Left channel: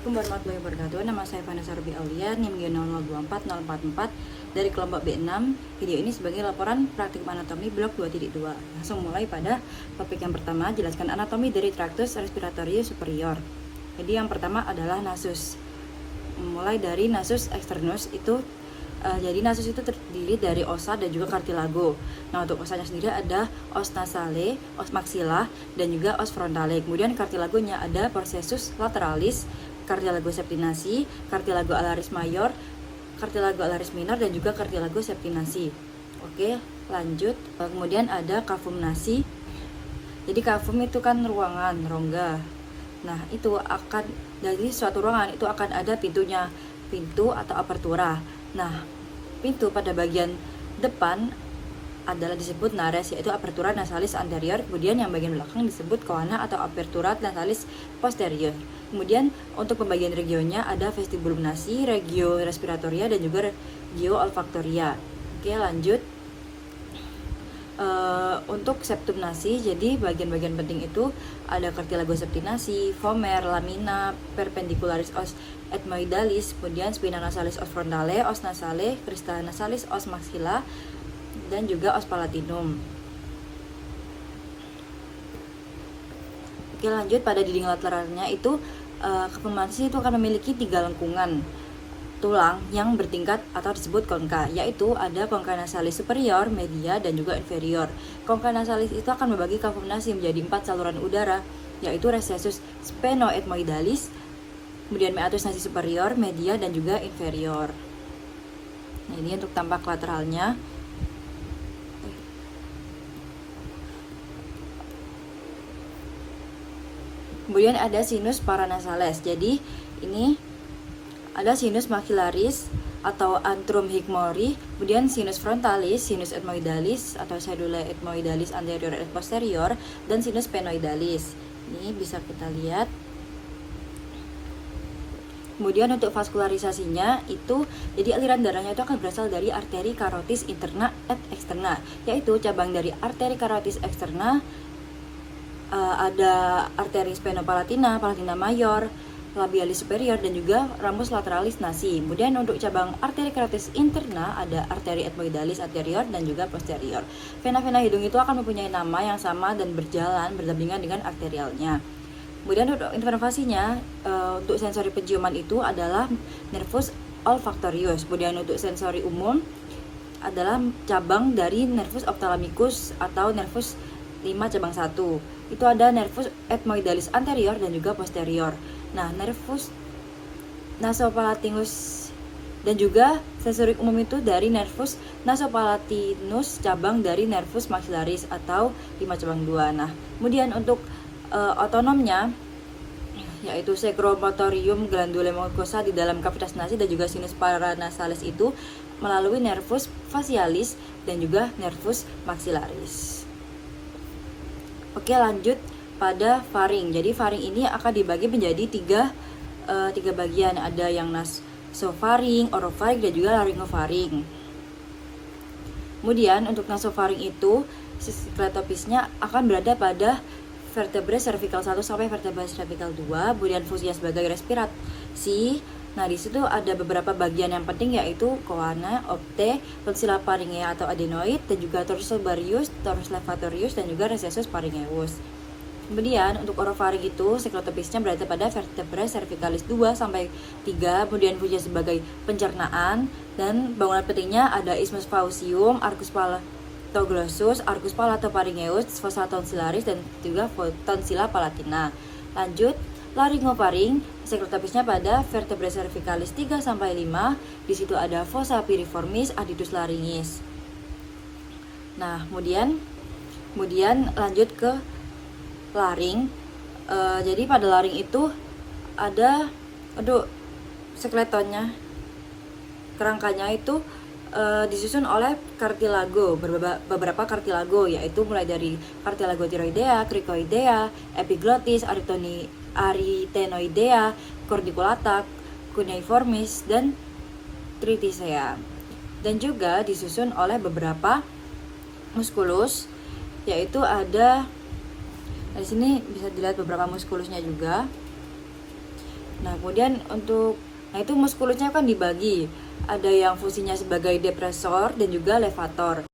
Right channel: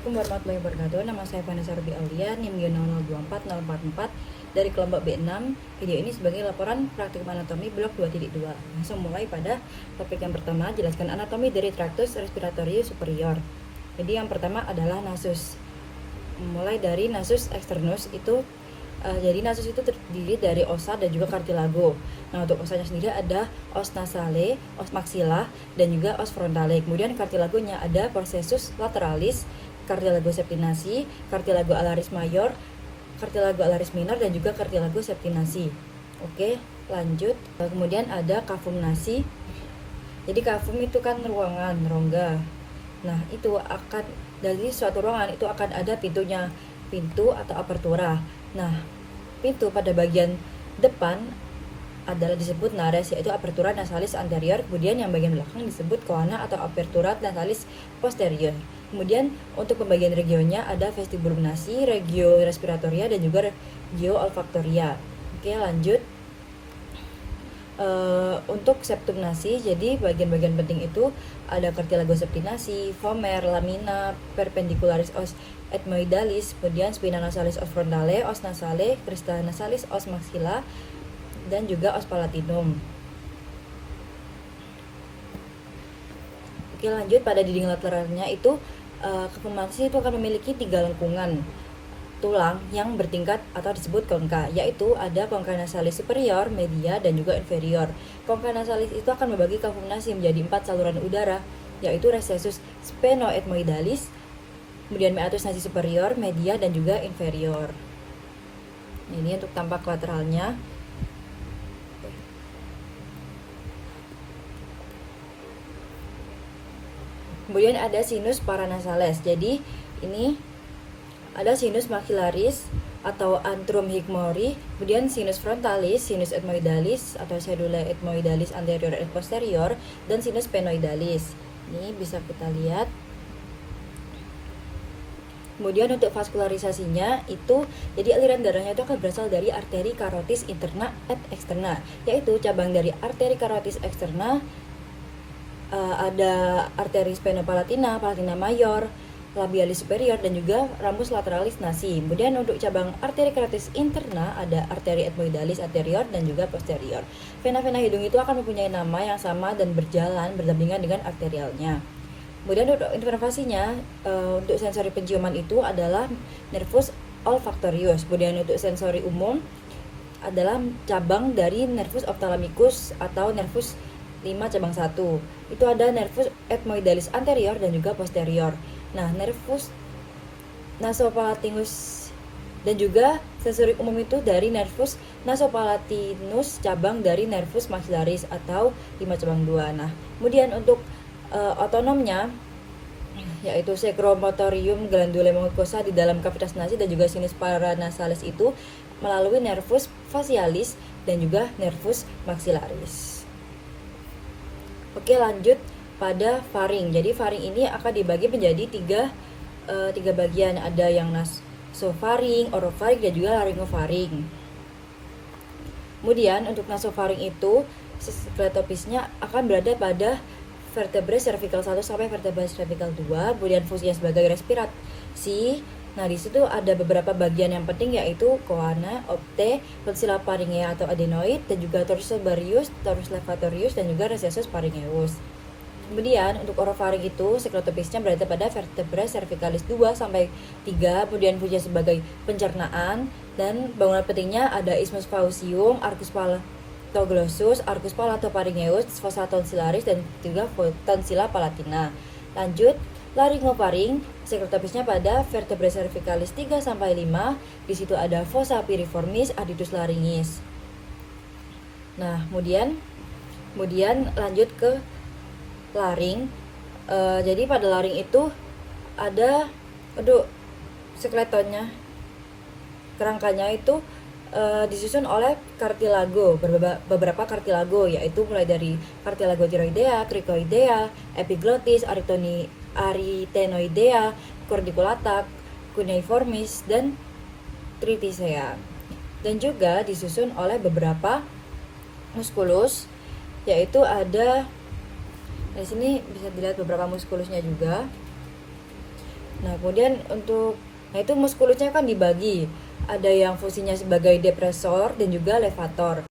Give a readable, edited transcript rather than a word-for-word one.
Assalamualaikum warahmatullahi wabarakatuh. Nama saya Vanessa Ruby Aulia, NIM 0244044 dari kelompok B6. Video ini sebagai laporan praktikum anatomi blok 2.2. Langsung mulai pada topik yang pertama, jelaskan anatomi dari traktus respiratorius superior. Jadi yang pertama adalah nasus. Mulai dari nasus externus itu jadi nasus itu terdiri dari osa dan juga cartilago. Nah, untuk osanya sendiri ada os nasale, os maxilla, dan juga os frontale. Kemudian cartilagonya ada processus lateralis, cartilago septinasi, cartilago alaris mayor, cartilago alaris minor, dan juga cartilago septinasi. Oke, lanjut. Kemudian ada cavum nasi. Jadi cavum itu kan ruangan, rongga. Nah, itu akan dari suatu ruangan itu akan ada pintunya, pintu atau apertura. Nah, pintu pada bagian depan adalah disebut nares, yaitu apertura nasalis anterior. Kemudian yang bagian belakang disebut coana atau apertura nasalis posterior. Kemudian untuk pembagian regionnya ada vestibulum nasi, regio respiratoria, dan juga regio olfaktoria. Oke, lanjut. Untuk septum nasi, jadi bagian-bagian penting itu ada cartilago septinasi, vomer, lamina, perpendicularis os ethmoidalis, kemudian spina nasalis os frontale, os nasale, crista nasalis os maxilla, dan juga os palatinum. Oke, lanjut. Pada dinding lateralnya itu cavum nasi itu akan memiliki 3 lengkungan tulang yang bertingkat atau disebut konka, yaitu ada konka nasalis superior, media, dan juga inferior. Konka nasalis itu akan membagi cavum nasi menjadi 4 saluran udara, yaitu recessus sphenoethmoidalis, kemudian meatus nasi superior, media, dan juga inferior. Ini untuk tampak lateralnya. Kemudian ada sinus paranasales. Jadi ini ada sinus maxillaris atau antrum higmori, kemudian sinus frontalis, sinus ethmoidalis atau sedula ethmoidalis anterior dan posterior, dan sinus sphenoidalis. Ini bisa kita lihat. Kemudian untuk vaskularisasinya itu, jadi aliran darahnya itu akan berasal dari arteri carotis interna et externa, yaitu cabang dari arteri carotis externa ada arteri spenopalatina, palatina mayor, labialis superior, dan juga ramus lateralis nasi. Kemudian untuk cabang arteri carotis interna ada arteri ethmoidalis anterior dan juga posterior. Vena-vena hidung itu akan mempunyai nama yang sama dan berjalan berdampingan dengan arterialnya. Kemudian untuk inervasinya, untuk sensori penciuman itu adalah nervus olfactorius. Kemudian untuk sensori umum adalah cabang dari nervus ophthalmicus atau nervus 5 cabang 1. Itu ada nervus ethmoidalis anterior dan juga posterior. Nah, nervus nasopalatinus dan juga sensori umum itu dari nervus nasopalatinus cabang dari nervus maxillaris atau 5 cabang 2. Nah, kemudian untuk otonomnya yaitu secremotorium glandulae mucosa di dalam kavitas nasi dan juga sinus paranasalis itu melalui nervus facialis dan juga nervus maxillaris. Oke, lanjut pada faring. Jadi faring ini akan dibagi menjadi tiga bagian. Ada yang nasofaring, orofaring, dan juga laryngofaring. Kemudian untuk nasofaring itu skletopisnya akan berada pada vertebrae cervical 1 sampai vertebrae cervical 2. Kemudian fungsinya sebagai respirasi. Nah, di situ ada beberapa bagian yang penting, yaitu coana, opte, tonsilla pharyngea atau adenoid, dan juga torus sebareus, torus levatorius, dan juga recessus pharyngeus. Kemudian untuk orofaring itu skletopisnya berada pada vertebrae cervicalis 2 sampai 3. Kemudian fungsinya sebagai pencernaan, dan bangunan pentingnya ada isthmus faucium, arcus palatoglossus, arcus palatopharyngeus, fossa tonsillaris, dan juga tonsilla palatina. Lanjut, laryngofaring sekretopisnya pada vertebrae cervicalis 3 sampai 5. Di situ ada fossa piriformis, aditus laryngis. Nah, kemudian lanjut ke laring. Jadi pada laring itu ada skeletonnya, kerangkanya itu disusun oleh cartilago, beberapa cartilago, yaitu mulai dari cartilago thyroidea, cricoidea, epiglottis, arytenoidea, cordiculata, cuneiformis, dan triticea. Dan juga disusun oleh beberapa musculus, yaitu ada di sini bisa dilihat beberapa muskulusnya juga. Nah, kemudian itu muskulusnya kan dibagi. Ada yang fungsinya sebagai depresor dan juga levator.